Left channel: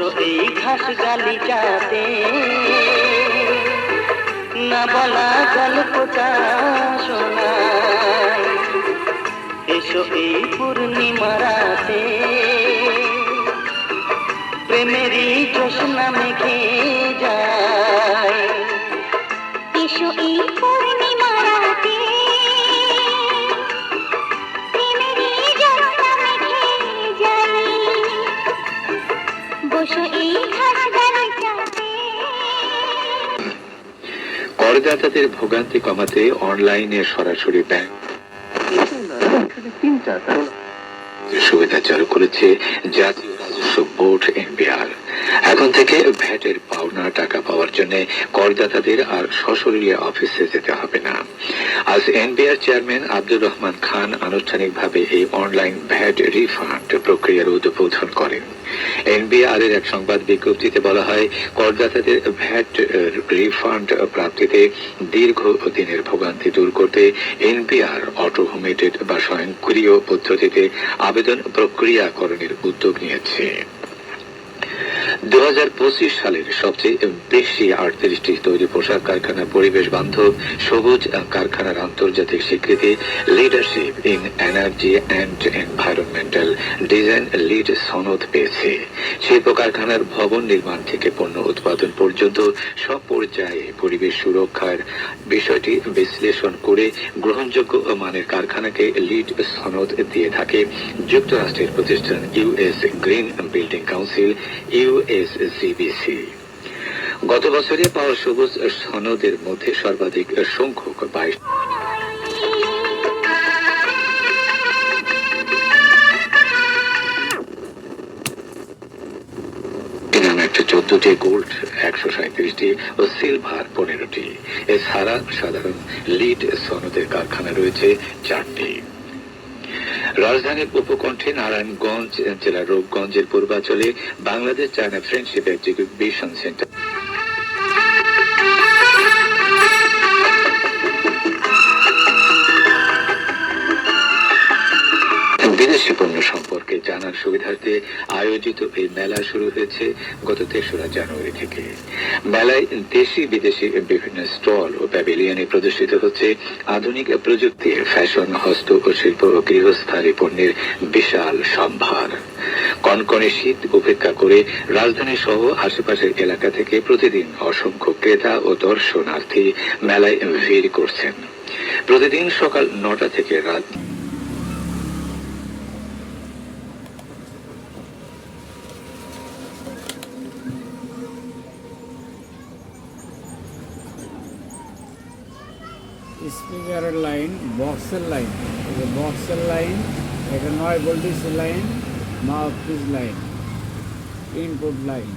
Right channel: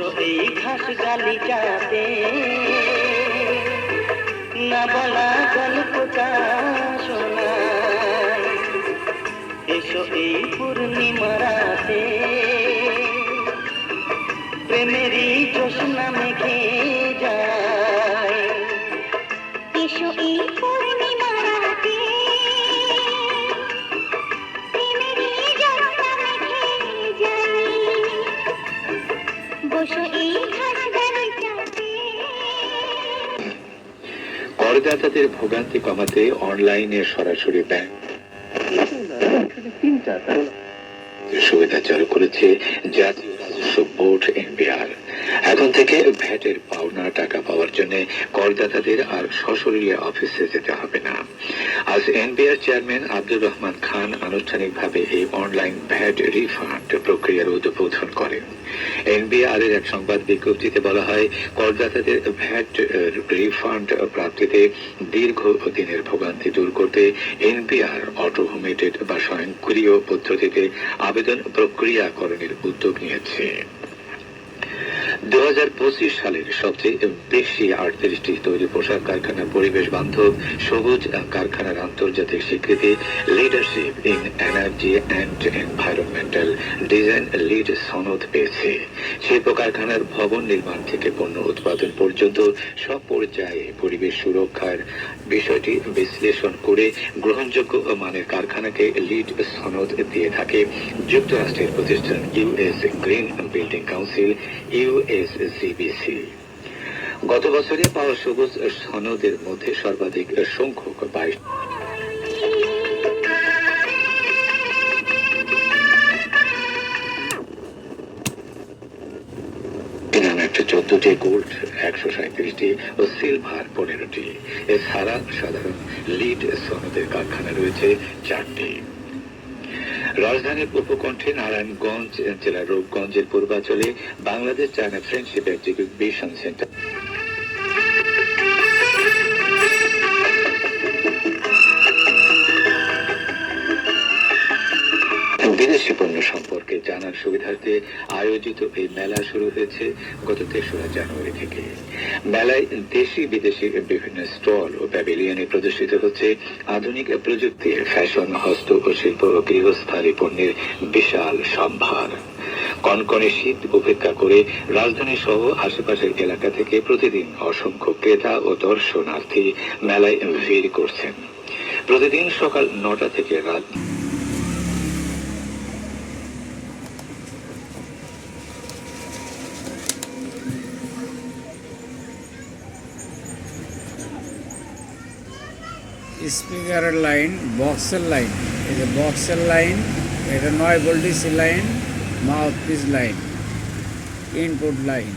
বসো এই ঘাস গালিচাতে, না বলা গল্পটা শোনাই। এসো এই পূর্ণিমা রাতে, প্রেমেরই জোছনা মেঘে যায়। এসো এই পূর্ণিমা রাতে, প্রেমেরই জ্যোৎস্না মেঘে যায়। বসো এই ঘাস গালিচাতে। করদাতাদের ভোগান্তি কমাতে অনলাইনে সরাসরি ব্যাংক সুবিধা চালু করেছে জাতীয় রাজস্ব বোর্ড এনবিআর। এখন থেকে ভ্যাটের পাওনা টাকা পাওয়ার জন্য করদাতাদের আর সশরীরে অফিসে যেতে হবে না। আজ এনবিআর চেয়ারম্যান আব্দুর রহমান খান আনুষ্ঠানিকভাবে এই অনলাইন ভ্যাট রিফান্ড প্রক্রিয়ার উদ্বোধন করেন। এনবিআর এর এক সংবাদ বিজ্ঞপ্তিতে বলা হয়, করদাতাদের ভ্যাট রিফান্ড প্রাপ্তিতে দীর্ঘ দিনের ভোগান্তি দূর করতে এনবিআর অটোমেটেড বা স্বয়ংক্রিয় পদ্ধতিতে আবেদন প্রক্রিয়াকরণের উদ্যোগ নিয়েছে। 2025 সালের সবচেয়ে বেশি 38টি তৈরি পোশাক কারখানা পরিবেশ বান্ধব সবুজ কারখানার আন্তর্জাতিক স্বীকৃতি leadership in energy and environmental design lead সনদ পেয়েছে। শিল্প কারখানার ভবন নির্মাণ থেকে পণ্য উৎপাদন পর্যন্ত সব পর্যায়ে পরিবেশ সুরক্ষার বিষয়টি বিশ্লেষণ করে গ্রহণযোগ্য মানের কারখানাকে লিড সনদ দিয়ে থাকে যুক্তরাষ্ট্রের প্রতিষ্ঠান US green building council USGBC. গত বছরে পাওয়া সবুজ সনদের মধ্যে সর্বাধিক সংখ্যক 22 14টি গোল্ড 137টি ও সিলভার 15টি। এছাড়া সাধারণ লিড সনদের কারখানা রয়েছে 4টি। রাজধানীর উপকণ্ঠে নারায়ণগঞ্জ জেলার রূপগঞ্জের পূর্বাঞ্চলে Bangladesh China friendship exhibition centre বিদেশি পণ্য সম্পর্কে জানার সুবিধার্থে আয়োজিত এই মেলা শুরু হয়েছে গত 3রা জানুয়ারি থেকে। মেলায় দেশি বিদেশি বিভিন্ন স্টল ও প্যাভিলিয়নে প্রদর্শিত হচ্ছে আধুনিক প্রযুক্তি, ফ্যাশন, হস্ত ও শিল্প ও গৃহস্থালী পণ্যের বিশাল সম্ভার। কনকনে শীত উপেক্ষা করে রাজধানী সহ আশেপাশের এলাকা থেকে প্রতিদিন অসংখ্য ক্রেতা ও দর্শনার্থী মেলায় ভিড় করছেন। প্রতিদিন সকাল 9টা থেকে রাত স্পিকারের লাইন, বক্সের লাইন, এই যে বক্সের লাইন, এটা 9 voltage line, mouthpiece line, input line.